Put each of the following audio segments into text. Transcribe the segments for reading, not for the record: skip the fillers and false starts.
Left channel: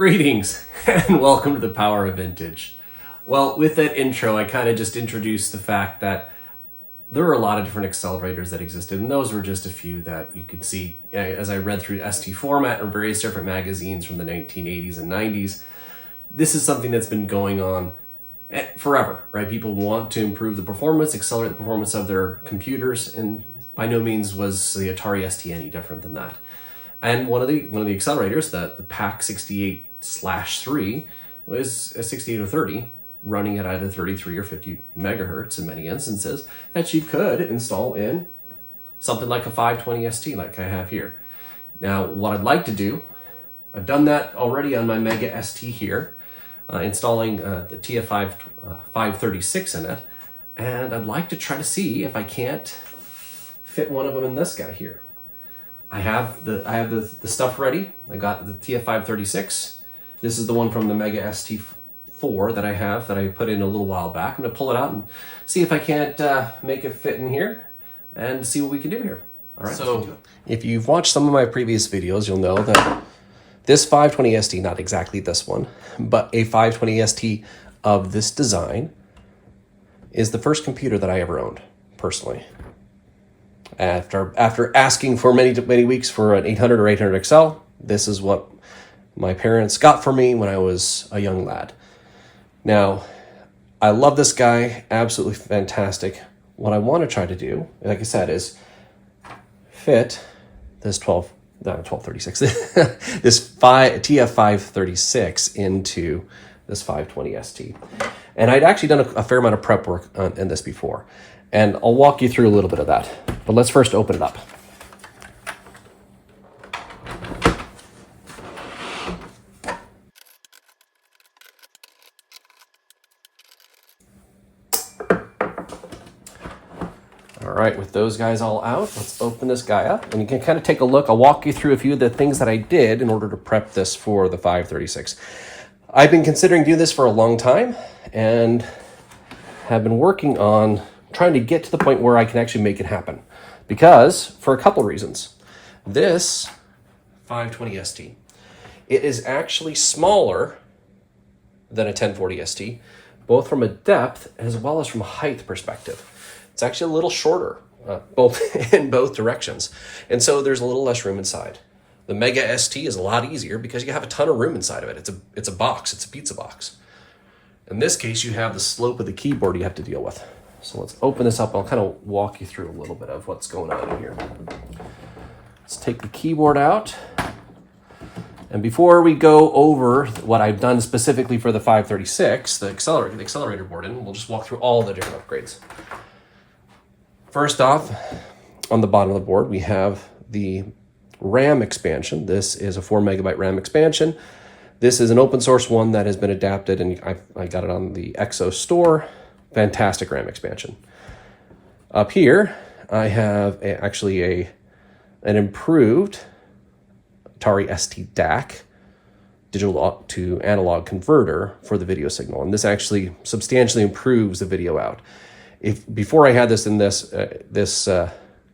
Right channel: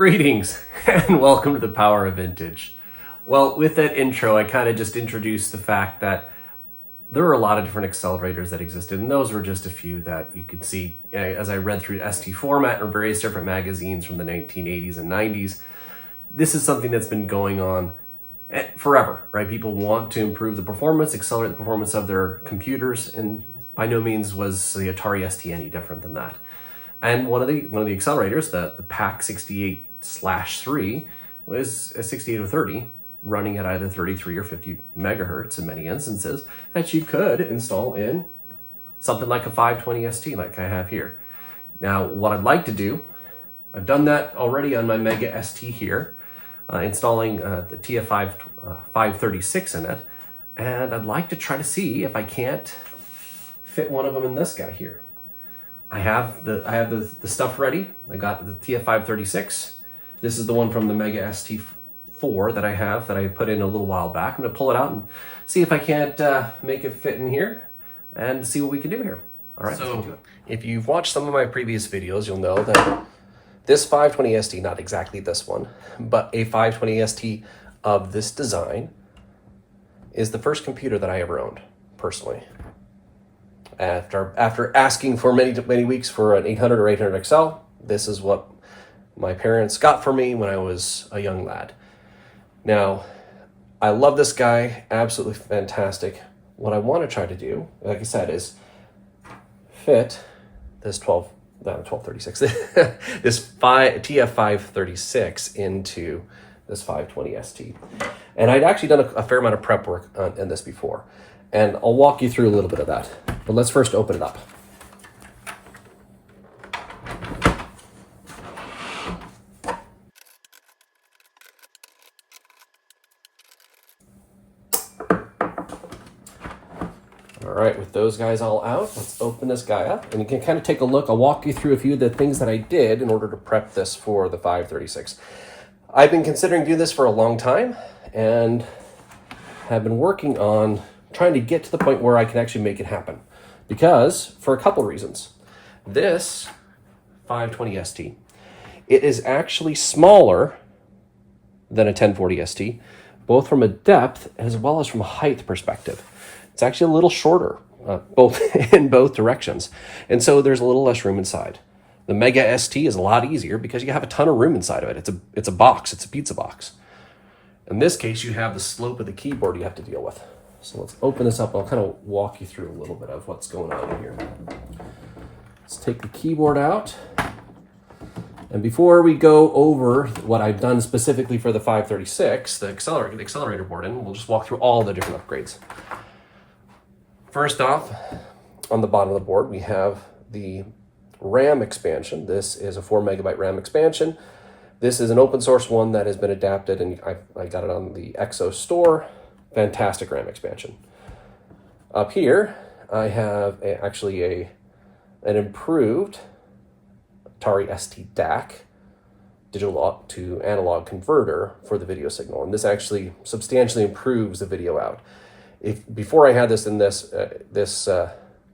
Greetings and welcome to the Power of Vintage. Well, with that intro, I kind of just introduced the fact that there are a lot of different accelerators that existed, and those were just a few that you could see as I read through ST format or various different magazines from the 1980s and 90s. This is something that's been going on forever, right? People want to improve the performance, accelerate the performance of their computers, and by no means was the Atari ST any different than that. And one of the accelerators, the PAC 68/3, was a 6830 running at either 33 or 50 megahertz in many instances that you could install in something like a 520 ST like I have here. Now, what I'd like to do, I've done that already on my Mega ST here, installing the TF536 in it, and I'd like to try to see if I can't fit one of them in this guy here. I have the stuff ready. I got the TF536. This is the one from the Mega ST4 that I put in a little while back. I'm gonna pull it out and see if I can't make it fit in here and see what we can do here. All right, so if you've watched some of my previous videos, you'll know that this 520 ST, not exactly this one, but a 520 ST of this design is the first computer that I ever owned, personally. After asking for many weeks for an 800 or 800 XL, this is what my parents got for me when I was a young lad. Now, I love this guy, absolutely fantastic. What I want to try to do, like I said, is fit this this TF536 into this 520 ST. And I'd actually done a fair amount of prep work in this before. And I'll walk you through a little bit of that. But let's first open it up. All right, with those guys all out, let's open this guy up. And you can kind of take a look. I'll walk you through a few of the things that I did in order to prep this for the 536. I've been considering doing this for a long time and have been working on trying to get to the point where I can actually make it happen. Because, for a couple reasons. This 520 ST, it is actually smaller than a 1040 ST, both from a depth as well as from a height perspective. It's actually a little shorter, both in both directions. And so there's a little less room inside. The Mega ST is a lot easier because you have a ton of room inside of it. It's a box, it's a pizza box. In this case, you have the slope of the keyboard you have to deal with. So let's open this up. I'll kind of walk you through a little bit of what's going on in here. Let's take the keyboard out. And before we go over what I've done specifically for the 536, the accelerator board in, we'll just walk through all the different upgrades. First off, on the bottom of the board, we have the RAM expansion. This is a 4 megabyte RAM expansion. This is an open source one that has been adapted, and I got it on the Exxos store. Fantastic RAM expansion. Up here, I have an improved Atari ST DAC, digital to analog converter for the video signal. And this actually substantially improves the video out. Before I had this in this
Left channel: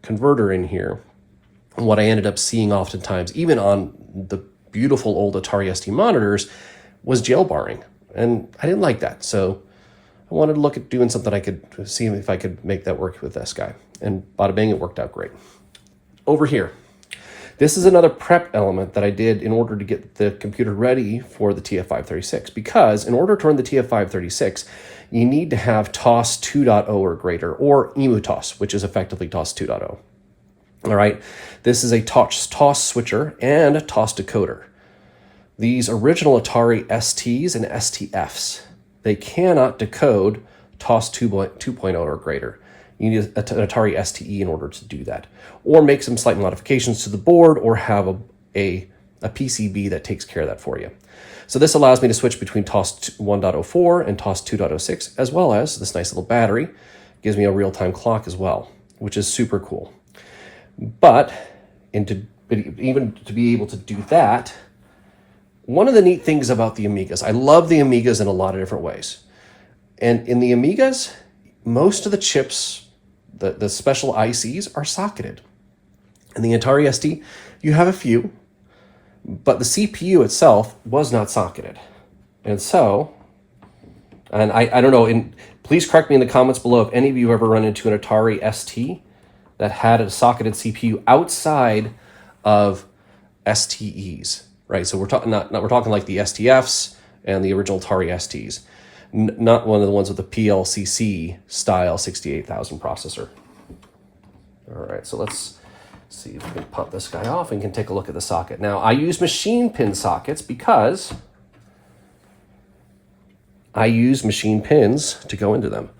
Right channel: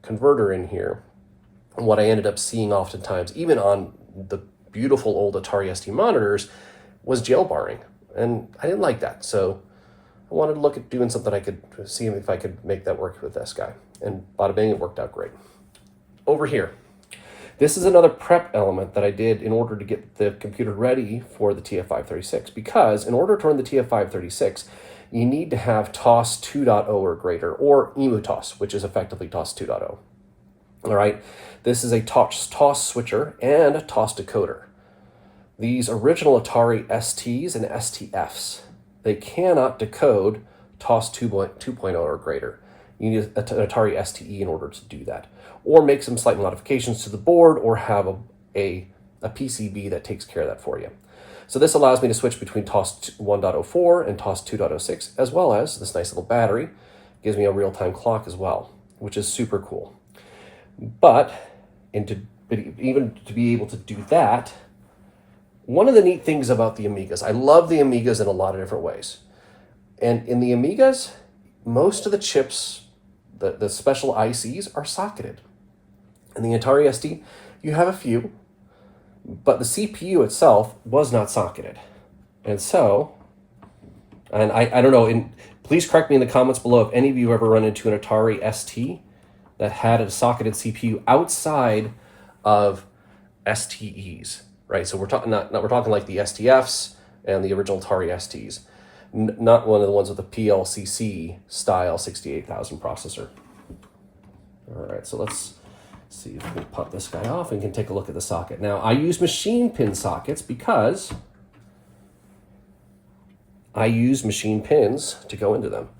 converter in here, what I ended up seeing oftentimes, even on the beautiful old Atari ST monitors, was jail barring. And I didn't like that. So I wanted to look at doing something I could see if I could make that work with this guy. And bada bang, it worked out great. Over here, this is another prep element that I did in order to get the computer ready for the TF536. Because in order to run the TF536, you need to have TOS 2.0 or greater, or EmuTOS, which is effectively TOS 2.0. All right, this is a TOS switcher and a TOS decoder. These original Atari STs and STFs, they cannot decode TOS 2.0 or greater. You need an Atari STE in order to do that. Or make some slight modifications to the board, or have a PCB that takes care of that for you. So this allows me to switch between TOS 1.04 and TOS 2.06, as well as this nice little battery. Gives me a real-time clock as well, which is super cool. But even to be able to do that, one of the neat things about the Amigas, I love the Amigas in a lot of different ways. And in the Amigas, most of the chips, the special ICs, are socketed. In the Atari ST, you have a few, but the CPU itself was not socketed. And so, and I don't know, and please correct me in the comments below if any of you ever run into an Atari ST that had a socketed CPU outside of STEs, right? So we're talking we're talking like the STFs and the original Atari STs, not one of the ones with the PLCC style 68,000 processor. All right, so let's see if we can pop this guy off and can take a look at the socket. Now, I use machine pin sockets because I use machine pins to go into them.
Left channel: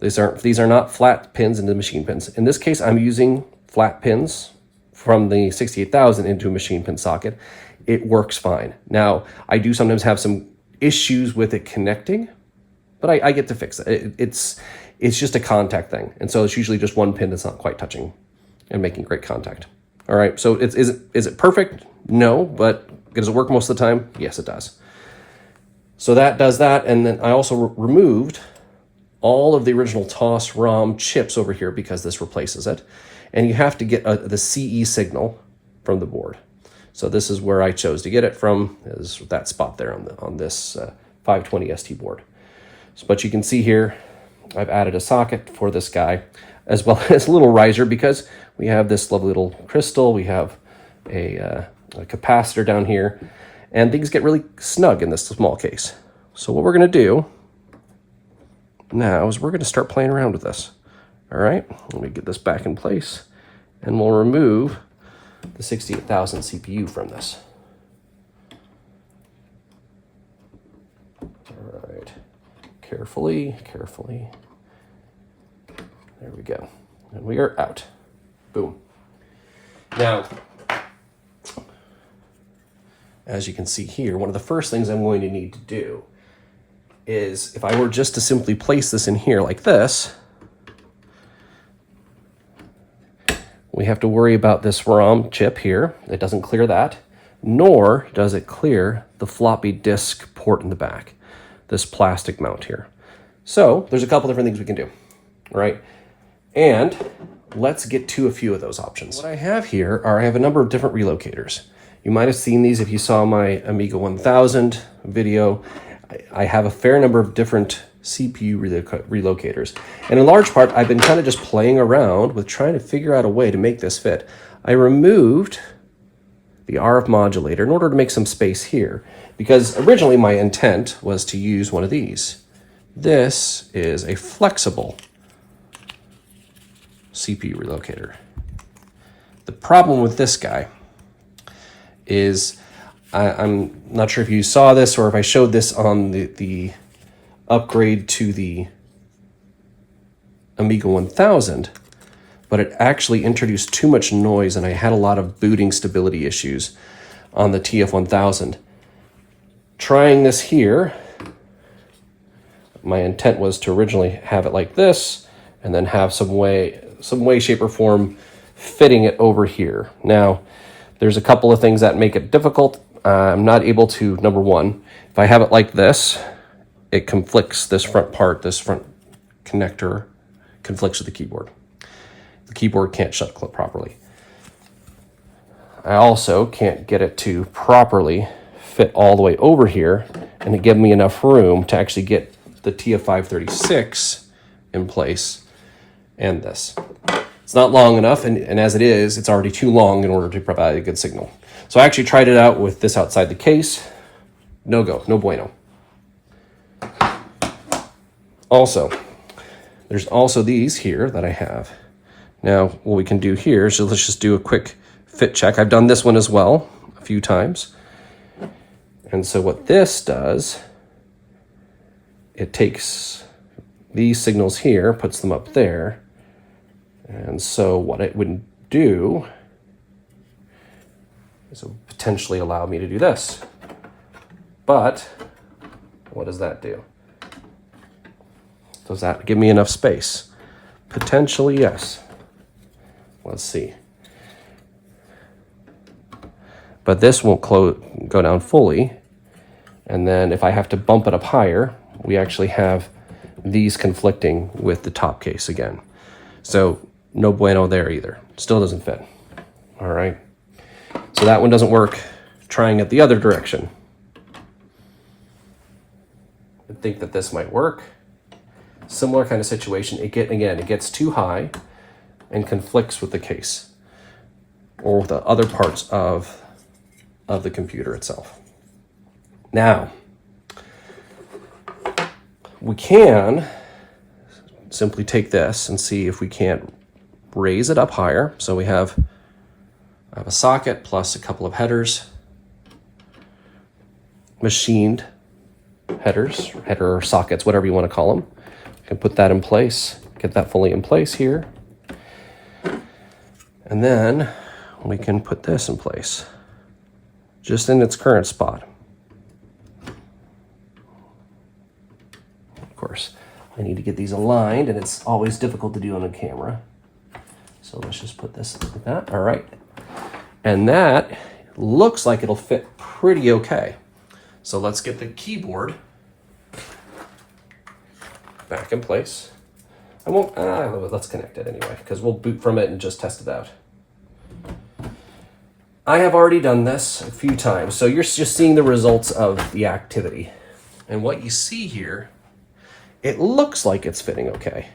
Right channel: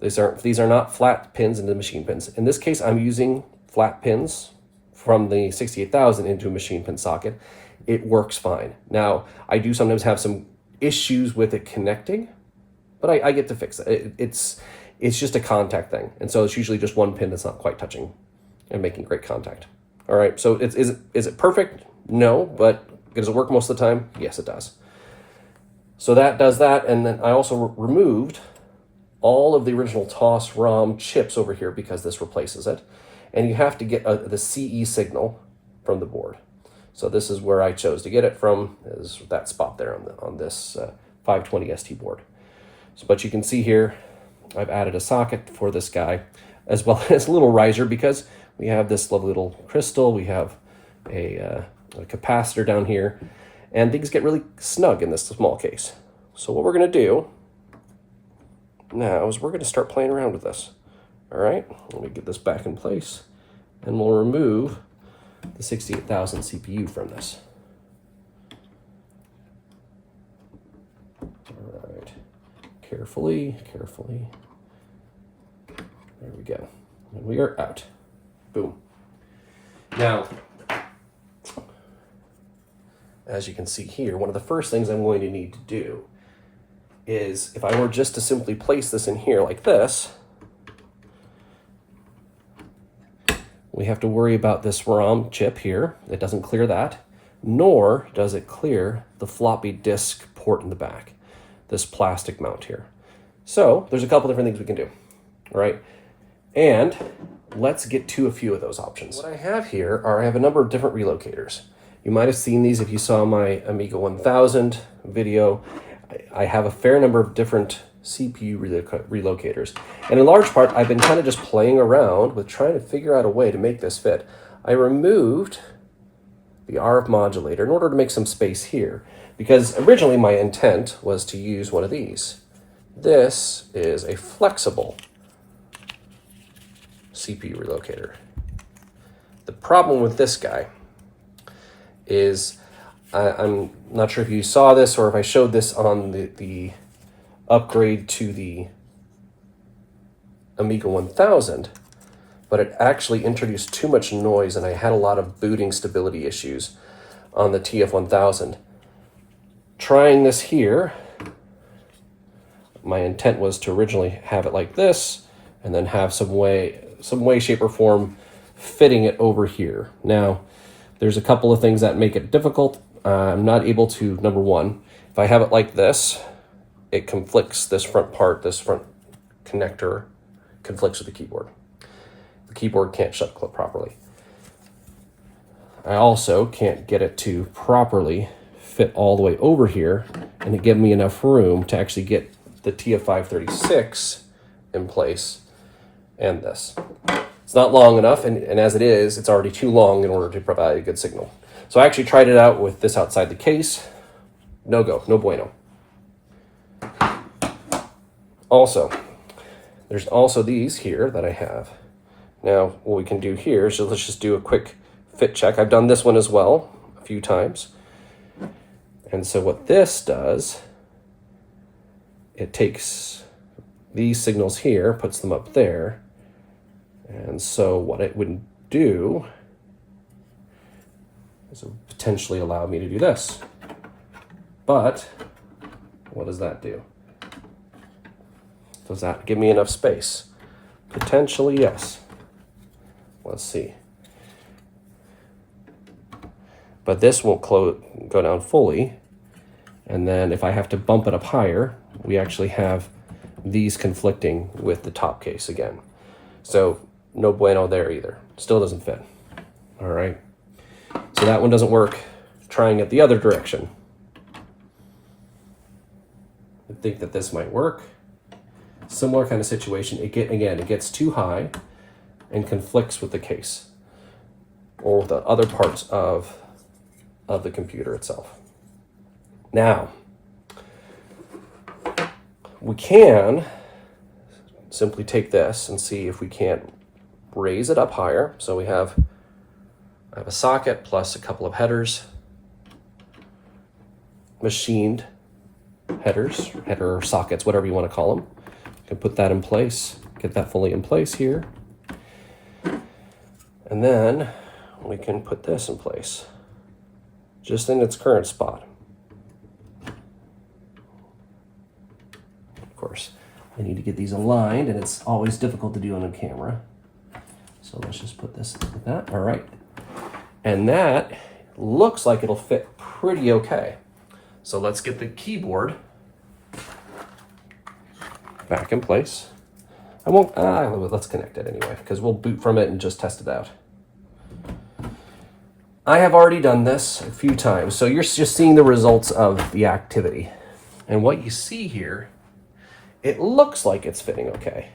These are not flat pins into machine pins. In this case, I'm using flat pins from the 68,000 into a machine pin socket. It works fine. Now, I do sometimes have some issues with it connecting, but I get to fix it. It's just a contact thing. And so it's usually just one pin that's not quite touching and making great contact. All right, so is it perfect? No, but does it work most of the time? Yes, it does. So that does that, and then I also removed all of the original TOS ROM chips over here because this replaces it. And you have to get the CE signal from the board. So this is where I chose to get it from, is that spot there on this 520 ST board. So, but you can see here, I've added a socket for this guy, as well as a little riser, because we have this lovely little crystal, we have a capacitor down here, and things get really snug in this small case. So what we're gonna do now is we're gonna start playing around with this. All right, let me get this back in place, and we'll remove the 68,000 CPU from this. All right, carefully. There we go, and we are out. Boom. Now, as you can see here, one of the first things I'm going to need to do is, if I were just to simply place this in here like this, we have to worry about this ROM chip here. It doesn't clear that, nor does it clear the floppy disk port in the back, this plastic mount here. So there's a couple different things we can do, right? And let's get to a few of those options. What I have here I have a number of different relocators. You might have seen these if you saw my Amiga 1000 video. I have a fair number of different CPU relocators. And in large part, I've been kind of just playing around with trying to figure out a way to make this fit. I removed the RF modulator in order to make some space here, because originally my intent was to use one of these. This is a flexible CPU relocator. The problem with this guy is, I'm not sure if you saw this or if I showed this on the upgrade to the Amiga 1000, but it actually introduced too much noise and I had a lot of booting stability issues on the TF1000. Trying this here, my intent was to originally have it like this and then have some way, shape, or form fitting it over here. Now, there's a couple of things that make it difficult. I'm not able to, number one, if I have it like this, it conflicts this front part, this front connector conflicts with the keyboard. The keyboard can't shut properly. I also can't get it to properly fit all the way over here and to give me enough room to actually get the TF536 in place and this. It's not long enough, and as it is, it's already too long in order to provide a good signal. So I actually tried it out with this outside the case. No go, no bueno. Also, there's also these here that I have. Now, what we can do here is let's just do a quick fit check. I've done this one as well a few times. And so what this does, it takes these signals here, puts them up there. And so what it would do is it would potentially allow me to do this. But what does that do? Does that give me enough space? Potentially, yes. Let's see. But this won't go down fully. And then if I have to bump it up higher, we actually have these conflicting with the top case again. So no bueno there either. Still doesn't fit. All right. So that one doesn't work. trying it the other direction. I think that this might work. Similar kind of situation. It gets too high and conflicts with the case or the other parts of the computer itself. Now, we can simply take this and see if we can't raise it up higher. So I have a socket plus a couple of headers, machined headers, header or sockets, whatever you want to call them. You can put that in place, get that fully in place here. And then we can put this in place, just in its current spot. Of course, I need to get these aligned, and it's always difficult to do on a camera. So let's just put this like that. All right. And that looks like it'll fit pretty okay. So let's get the keyboard back in place. I won't, let's connect it anyway, because we'll boot from it and just test it out. I have already done this a few times, so you're just seeing the results of the activity. And what you see here, it looks like it's fitting okay.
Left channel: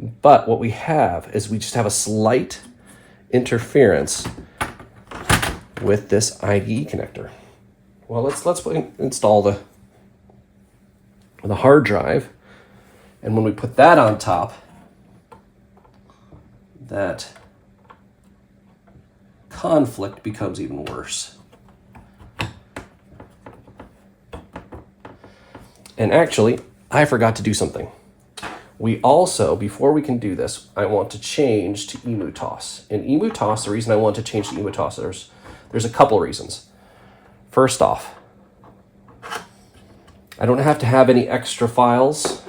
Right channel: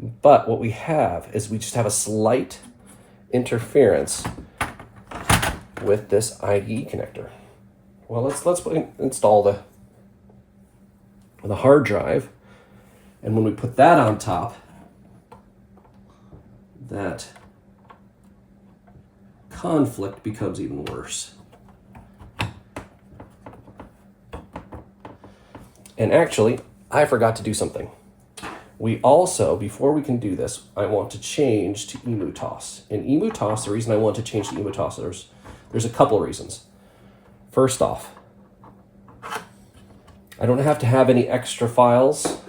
But what we have is we just have a slight interference with this IDE connector. Well, let's install the hard drive, and when we put that on top, that conflict becomes even worse. And actually, I forgot to do something. We also, before we can do this, I want to change to EmuTOS. In EmuTOS, the reason I want to change to EmuTOS, there's a couple reasons. First off, I don't have to have any extra files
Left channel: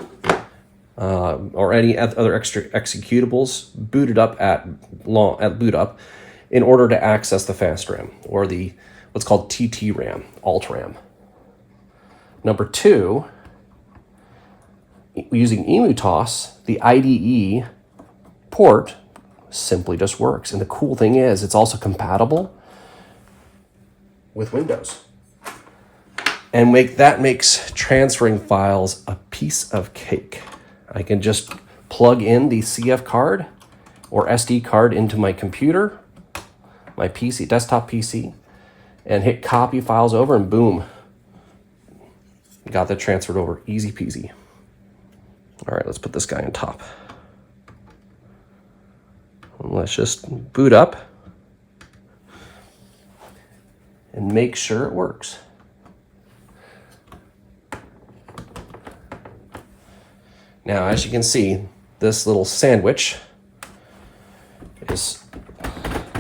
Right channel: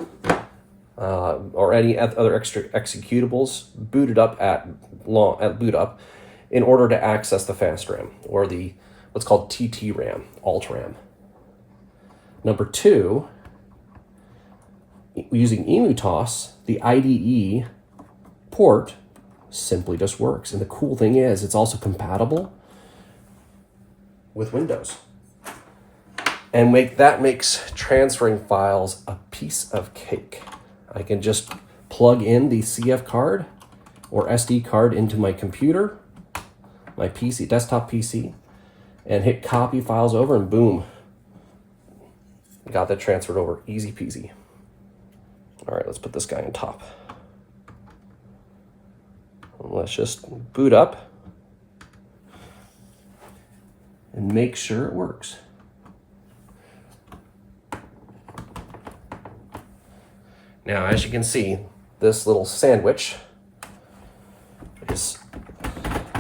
or any other extra executables booted up at boot up in order to access the fast RAM or the what's called TT RAM, alt RAM. Number two, using EmuTOS, the IDE port simply just works. And the cool thing is it's also compatible with Windows. And that makes transferring files a piece of cake. I can just plug in the CF card or SD card into my computer, my PC, desktop PC, and hit copy files over, and boom, got that transferred over, easy peasy. All right, let's put this guy on top. Let's just boot up and make sure it works. Now, as you can see, this little sandwich is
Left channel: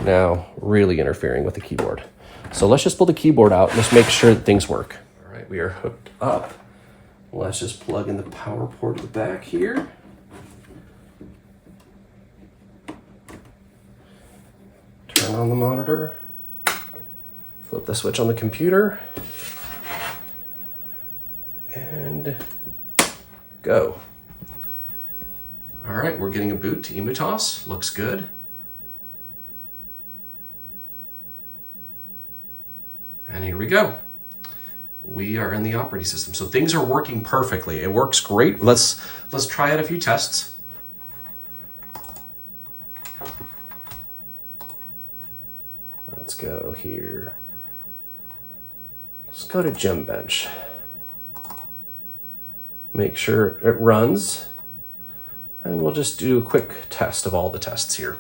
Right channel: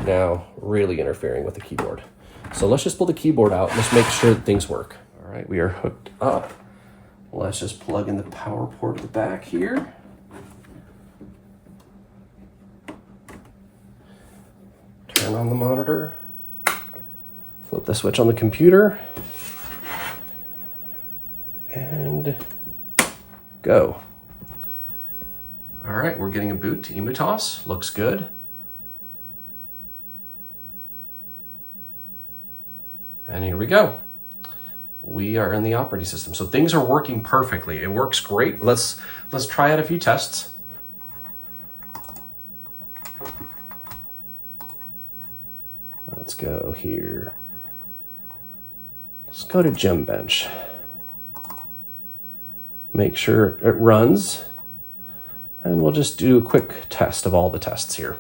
now really interfering with the keyboard. So let's just pull the keyboard out and let's make sure that things work. All right, we are hooked up. Let's just plug in the power port at the back here. Turn on the monitor. Flip the switch on the computer. And go. All right, we're getting a boot to EmuTOS. Looks good. And here we go. We are in the operating system. So things are working perfectly. It works great. Let's try out a few tests. Let's go here. Let's go to Gebench. Make sure it runs. And we'll just do a quick test of all the tests here.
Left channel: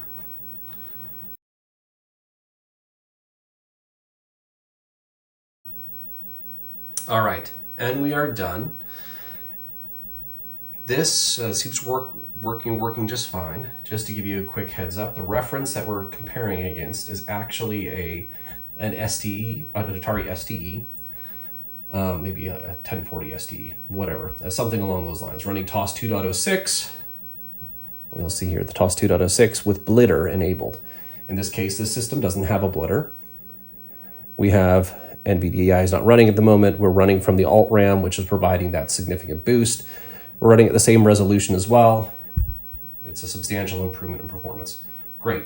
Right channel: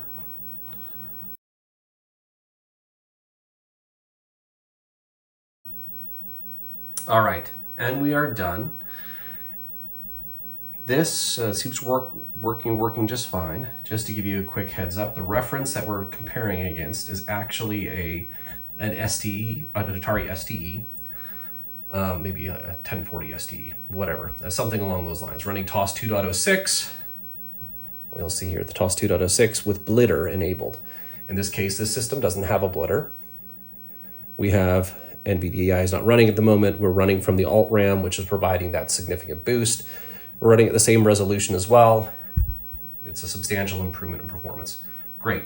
All right, and we are done. This seems working just fine. Just to give you a quick heads up, the reference that we're comparing against is actually an STE, an Atari STE, maybe a 1040 STE, whatever, something along those lines, running TOS 2.06. You'll see here the TOS 2.06 with blitter enabled. In this case, this system doesn't have a blitter. We have NVDI is not running at the moment. We're running from the alt RAM, which is providing that significant boost. We're running at the same resolution as well. It's a substantial improvement in performance. Great.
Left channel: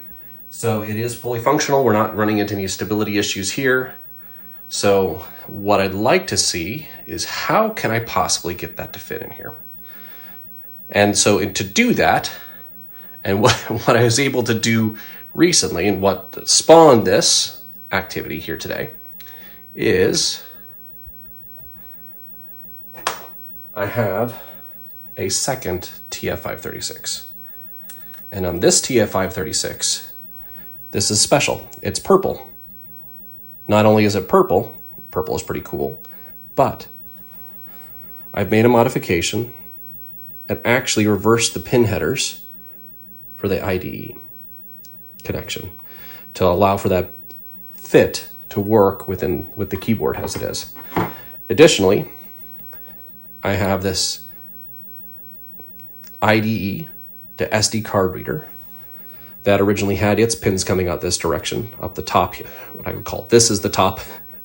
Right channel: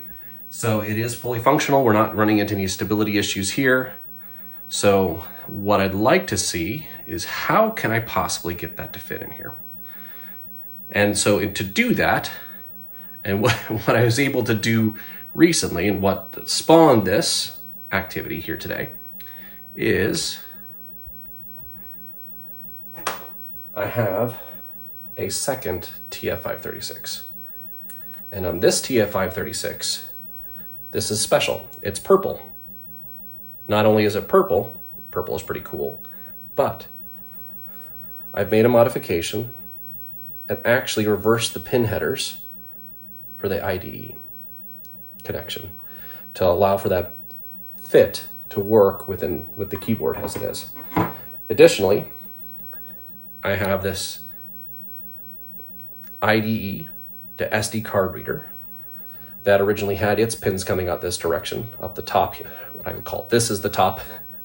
So it is fully functional. We're not running into any stability issues here. So what I'd like to see is how can I possibly get that to fit in here? And so to do that, and what I was able to do recently and what spawned this activity here today is I have a second TF536. And on this TF536, this is special. It's purple. Not only is it purple is pretty cool, but I've made a modification and actually reversed the pin headers for the IDE connection to allow for that fit to work with the keyboard as it is. Additionally, I have this IDE to SD card reader that originally had its pins coming out this direction, up the top, what I would call this is the top,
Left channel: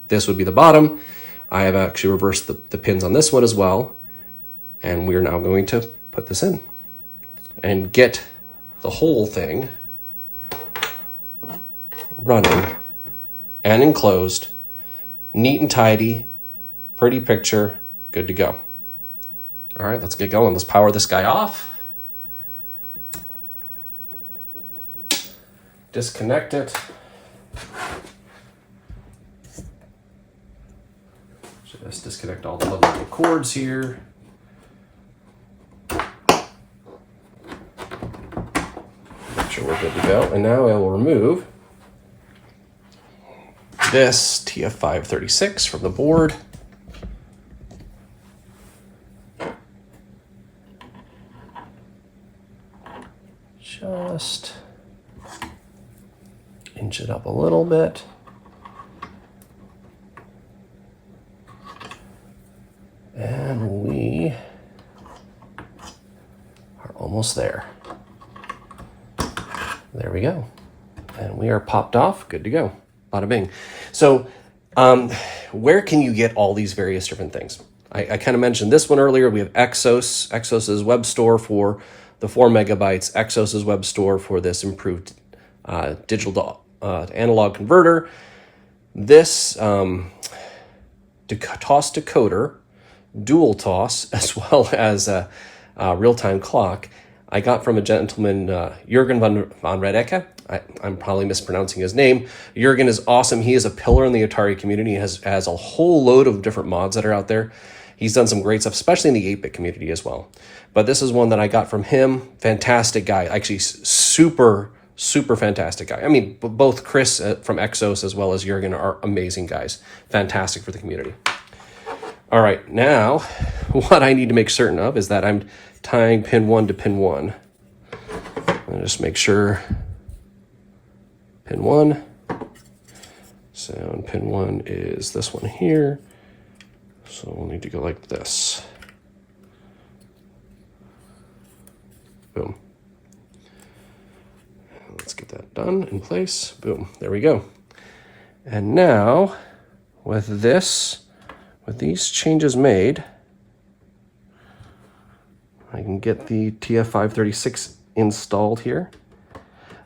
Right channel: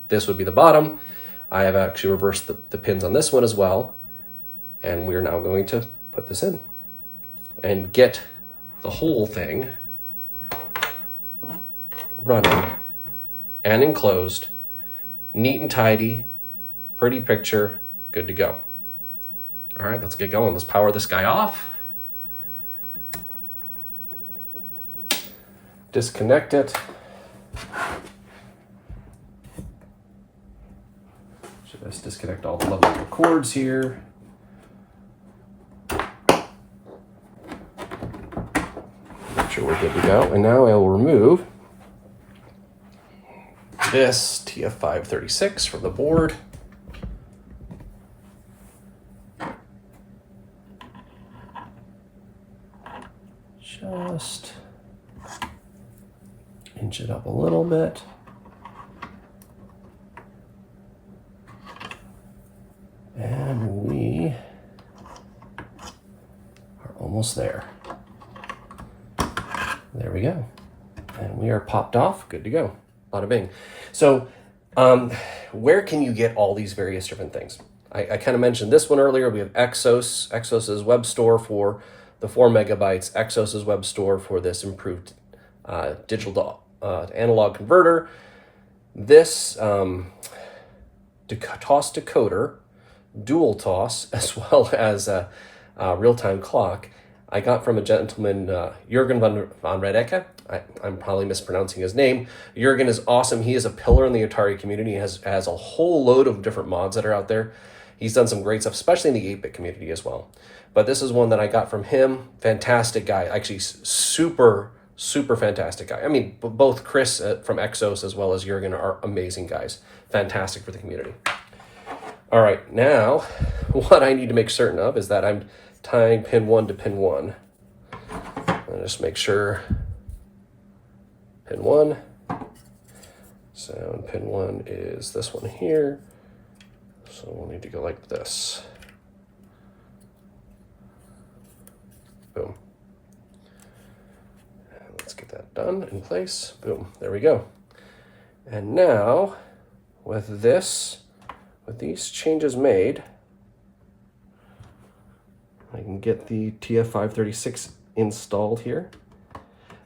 this would be the bottom. I have actually reversed the pins on this one as well, and we're now going to put this in and get the whole thing running and enclosed, neat and tidy, pretty picture, good to go. All right, let's get going. Let's power this guy off. Disconnect it. Just disconnect all the lovely cords here. Make sure we're good to go. And now I will remove this TF536 from the board. Just inch it up a little bit. And we are almost there. There we go. And we are popped off, good to go. Bada bing. So where can you get all these various different things? I kind of mentioned this one earlier. We have Exxos. Exxos' web store for the 4 megabytes. Exxos' web store for this improved digital to analog converter. This toss decoder, dual toss, as well as a real-time clock, I got from a gentleman, Jürgen von Redecke. I'm probably mispronouncing his name. Jürgen is awesome. He is a pillar in the Atari community. He has a whole load of different mods that are out there. He's done some great stuff, especially in the 8-bit community as well. But this is one that I got from him. Fantastic guy. Actually, super fantastic guy. I mean, both Chris from Exxos as well as Jürgen are amazing guys. Fantastic for the community. All right, now what I need to make certain of is that I'm tying pin 1 to pin 1. I'll just make sure pin 1. So pin 1 is this one here. So we'll need to go like this. Boom. Let's get that done in place. Boom, there we go. And now with these changes made, I can get the TF536 installed here.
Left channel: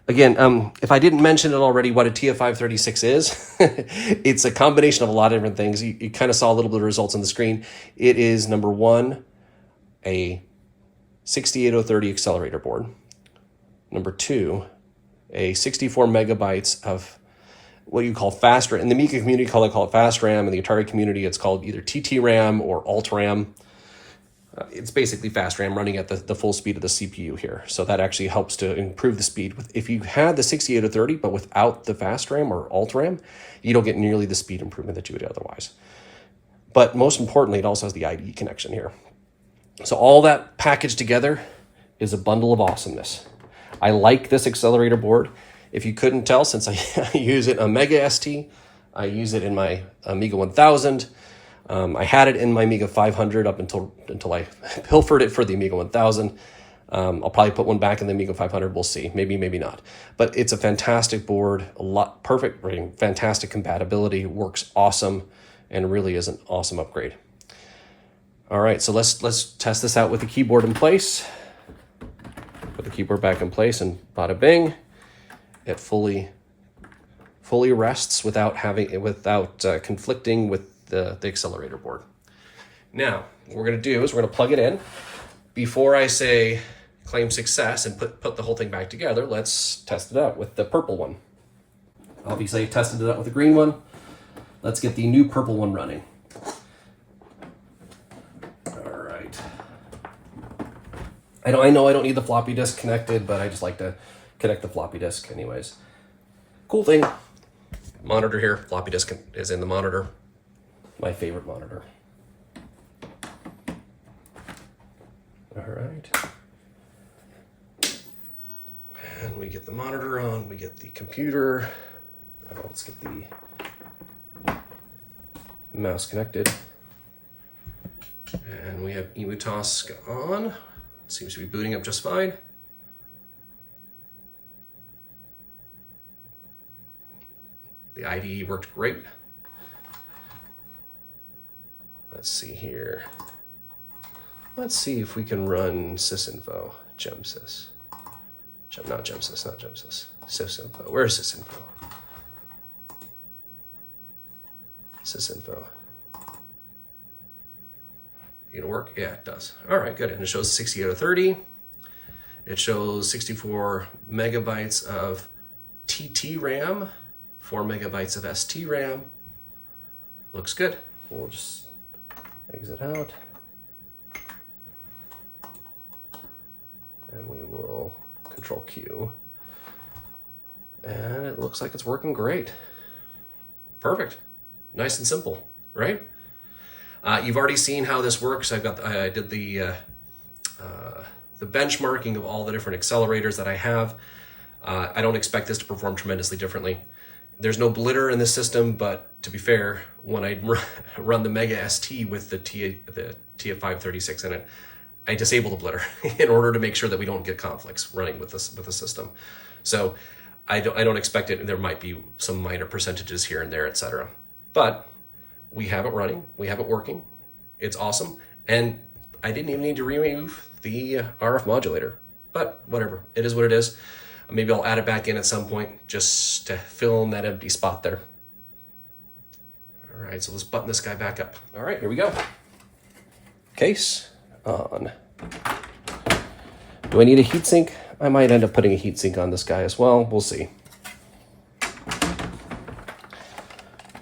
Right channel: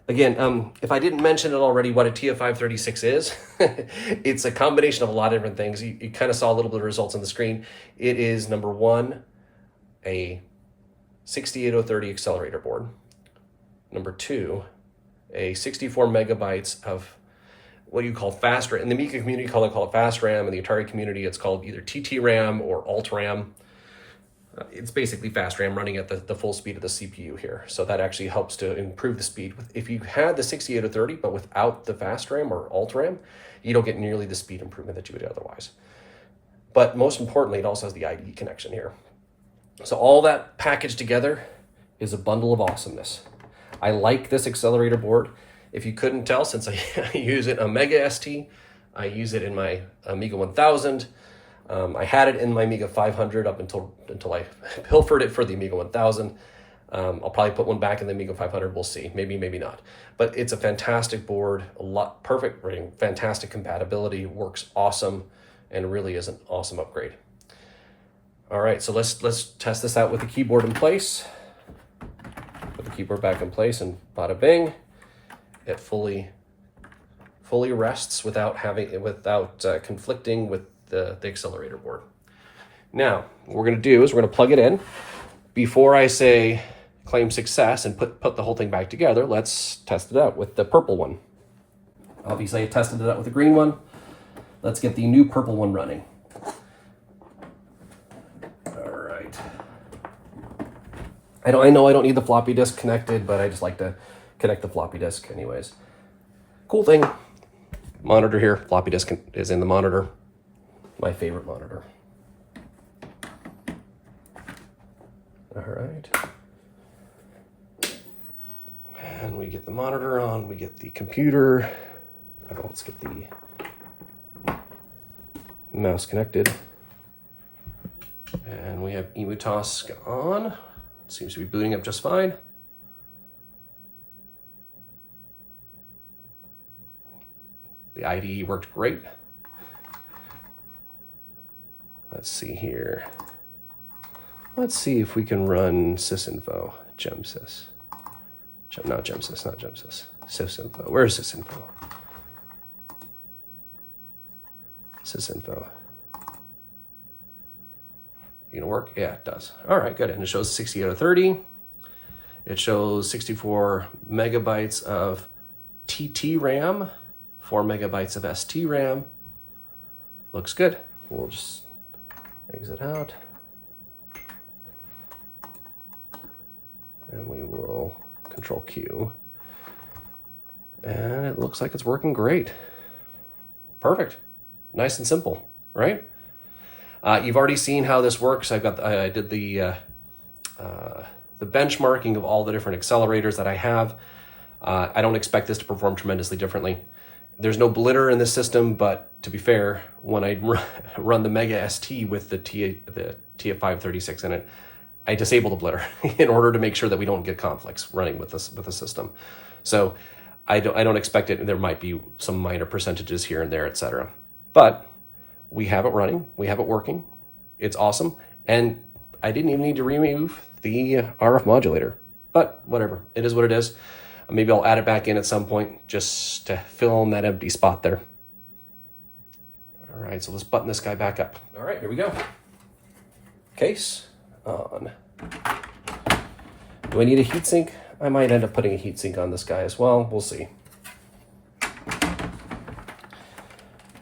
Again, if I didn't mention it already, what a TF536 is, it's a combination of a lot of different things. You kind of saw a little bit of results on the screen. It is, number one, a 68030 accelerator board. Number two, a 64 megabytes of what do you call fast RAM? In the Amiga community, call it fast RAM. In the Atari community, it's called either TT RAM or alt RAM. It's basically fast RAM running at the full speed of the CPU here. So that actually helps to improve the speed. If you had the 6830, but without the fast RAM or alt RAM, you don't get nearly the speed improvement that you would otherwise. But most importantly, it also has the IDE connection here. So all that packaged together is a bundle of awesomeness. I like this accelerator board. If you couldn't tell, since I use it on Amiga ST, I use it in my Amiga 1000. I had it in my Amiga 500 up until I pilfered it for the Amiga 1000. I'll probably put one back in the Amiga 500. We'll see. Maybe, maybe not. But it's a fantastic board. Perfect rating, fantastic compatibility, works awesome, and really is an awesome upgrade. All right, so let's test this out with the keyboard in place. Put the keyboard back in place, and bada bing, it fully fully rests without conflicting with the accelerator board. Now, what we're going to do is we're going to plug it in. Before I say claim success and put the whole thing back together, let's test it out with the purple one. Obviously, I tested it out with the green one. Let's get the new purple one running. All right. I know I don't need the floppy disk connected, but I just like to connect the floppy disk anyways. Cool thing, monitor here, floppy disk is in the monitor. My favorite monitor. All right. And we get the monitor on, we get the computer. Let's get the mouse connected. And we have emuTOSC on. It seems to be booting up just fine. The IDE worked great. Let's see here. Let's see if we can run sysinfo, gemsys. Not gemsys, not gemsys. Sysinfo. Where's sysinfo? Sysinfo. You gonna work? Yeah, it does. All right, good. And it shows 60 out of 30. It shows 64 megabytes of TT RAM, 4 megabytes of ST RAM. Looks good. We'll just exit out. And we will Control Q. And it looks like it's working great. Perfect. Nice and simple, right? You've already seen how this works. I did the benchmarking of all the different accelerators that I have. I don't expect this to perform tremendously differently. There's no blitter in this system, but to be fair, when I run the Mega ST with the TF536 in it, I disable the blitter in order to make sure that we don't get conflicts running with the system. So I don't expect it. There might be some minor percentages here and there, etc. But we have it running, we have it working. It's awesome. And I didn't even need to remove the RF modulator, but whatever, it is what it is. Maybe I'll add it back in at some point just to fill in that empty spot there. All right, so let's button this guy back up. All right, here we go. Case on. Do I need a heatsink? I might end up putting a heatsink on this guy as well. We'll see.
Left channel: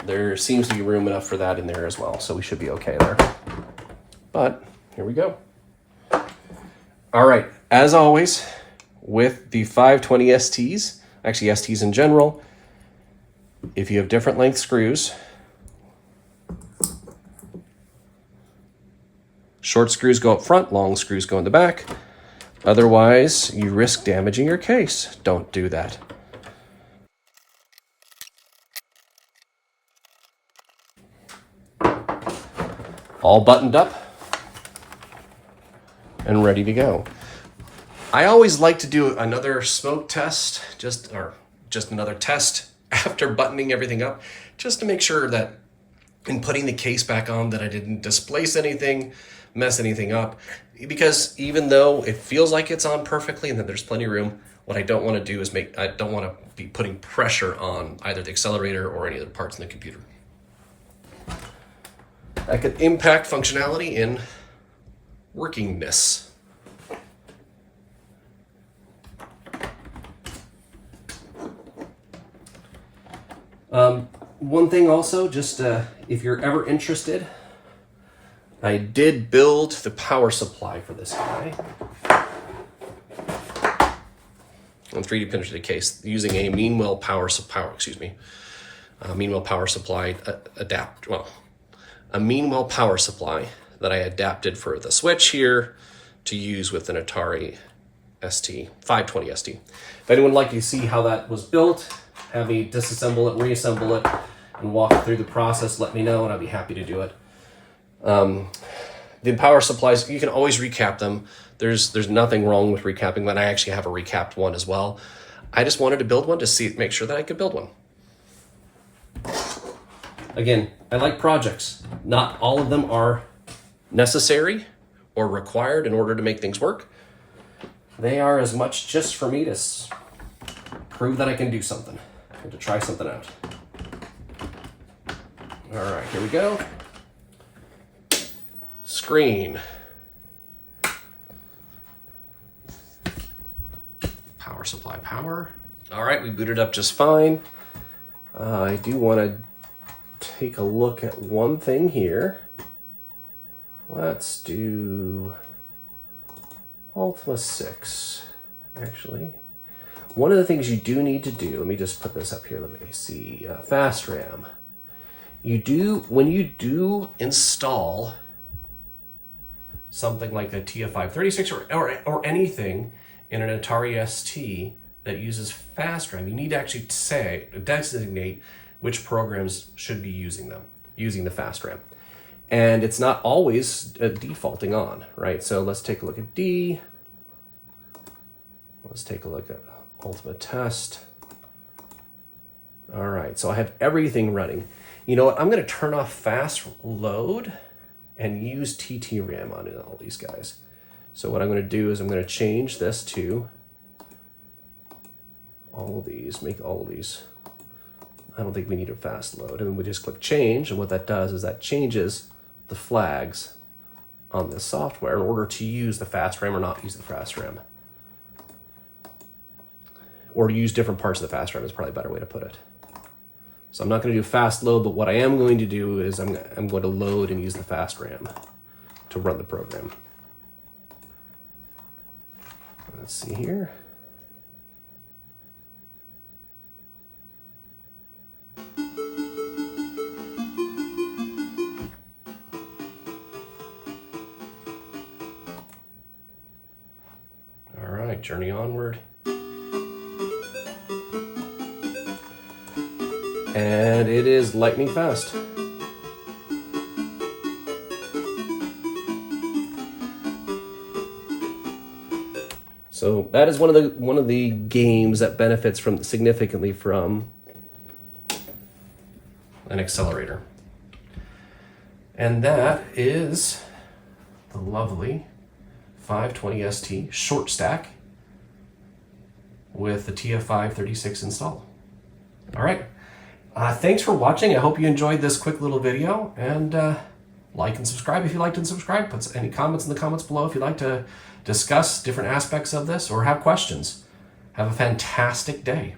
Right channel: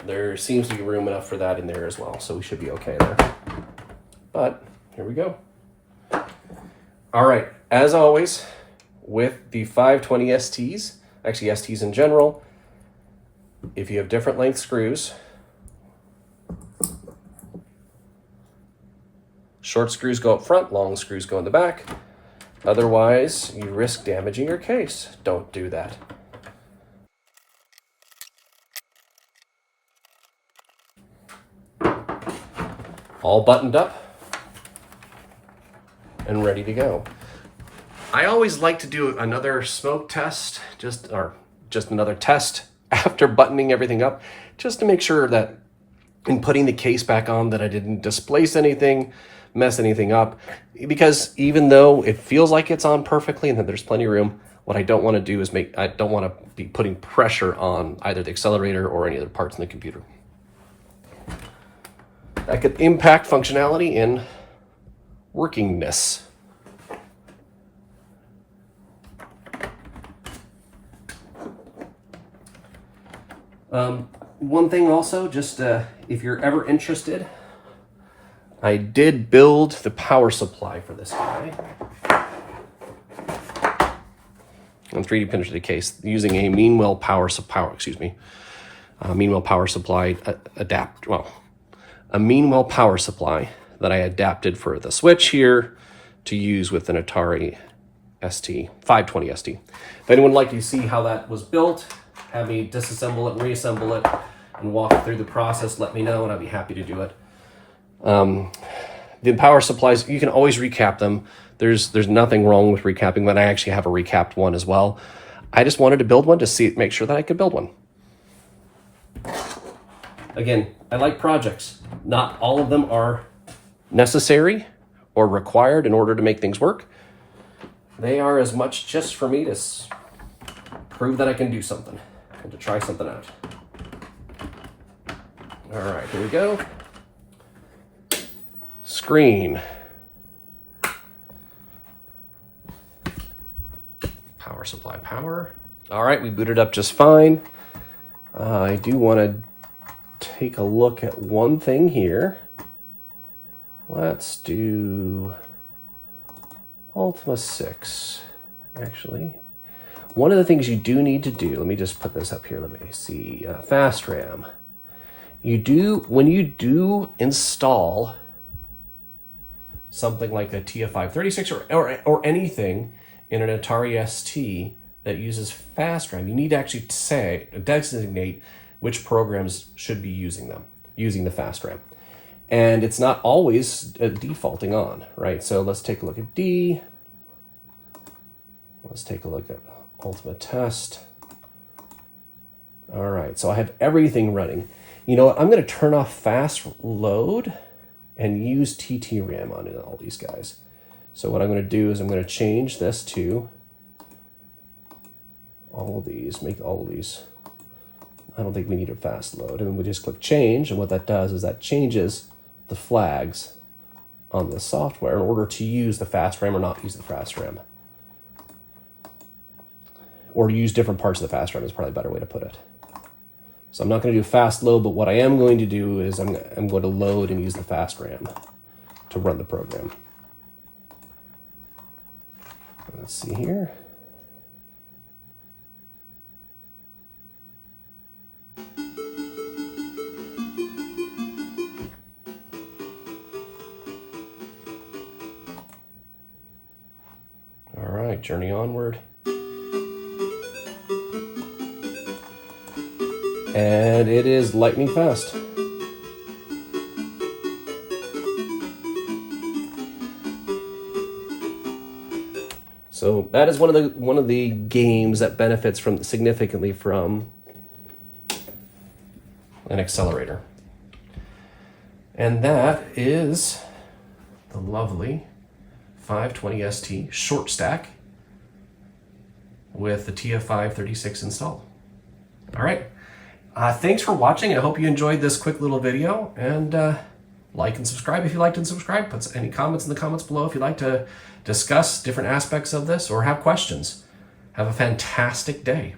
There seems to be room enough for that in there as well, so we should be okay there. But here we go. All right, as always, with the 520 STs, actually STs in general, if you have different length screws, short screws go up front, long screws go in the back. Otherwise, you risk damaging your case. Don't do that. All buttoned up and ready to go. I always like to do another smoke test, just another test after buttoning everything up, just to make sure that in putting the case back on that I didn't displace anything, mess anything up. Because even though it feels like it's on perfectly and that there's plenty of room, what I don't want to do is I don't want to be putting pressure on either the accelerator or any other parts in the computer. That could impact functionality and workingness. One thing also, just if you're ever interested, I did build the power supply for this guy. I'm 3D printed the case using a Meanwell power supply a Meanwell power supply that I adapted for the switch here to use with an Atari ST, 520 ST. If anyone would like to see how that was built, have me disassemble it and reassemble it and walk through the process, let me know and I'd be happy to do it. The power supplies, you can always recap them. There's nothing wrong with recapping, but I actually have a recapped one as well. I just wanted to build one to make sure that I could build one. Again, I like projects. Not all of them are necessary or required in order to make things work. They are as much just for me to prove that I can do something. and to try something out. All right, here we go. Screen. Power supply power. All right, we booted up just fine. I do want to take a look at one thing here. Let's do Ultima 6, actually. One of the things you do need to do, let me just put this up here, let me see, fast RAM. When you do install something like a TF536 or anything in an Atari ST that uses fast RAM, you need to actually designate which programs should be using the fast RAM. And it's not always defaulting on, right? So let's take a look at D. Let's take a look at Ultima Test. All right, so I have everything running. You know what, I'm gonna turn off fast load and use TTRAM on all these guys. So what I'm gonna do is I'm gonna change this to all these, make all these. I don't think we need a fast load. And then we just click change, and what that does is that changes the flags on this software in order to use the fast RAM or not use the fast RAM. Or use different parts of the fast RAM is probably a better way to put it. So I'm not going to do fast load, but what I am going to do is I'm going to load and use the fast RAM to run the program. Let's see here. All right, journey onward. And it is lightning fast. So that is one of the games that benefits significantly from an accelerator. And that is the lovely 520 ST short stack with the TF536 installed. All right. Thanks for watching. I hope you enjoyed this quick little video, and like and subscribe if you liked and subscribe. Put any comments in the comments below if you'd like to discuss different aspects of this or have questions. Have a fantastic day.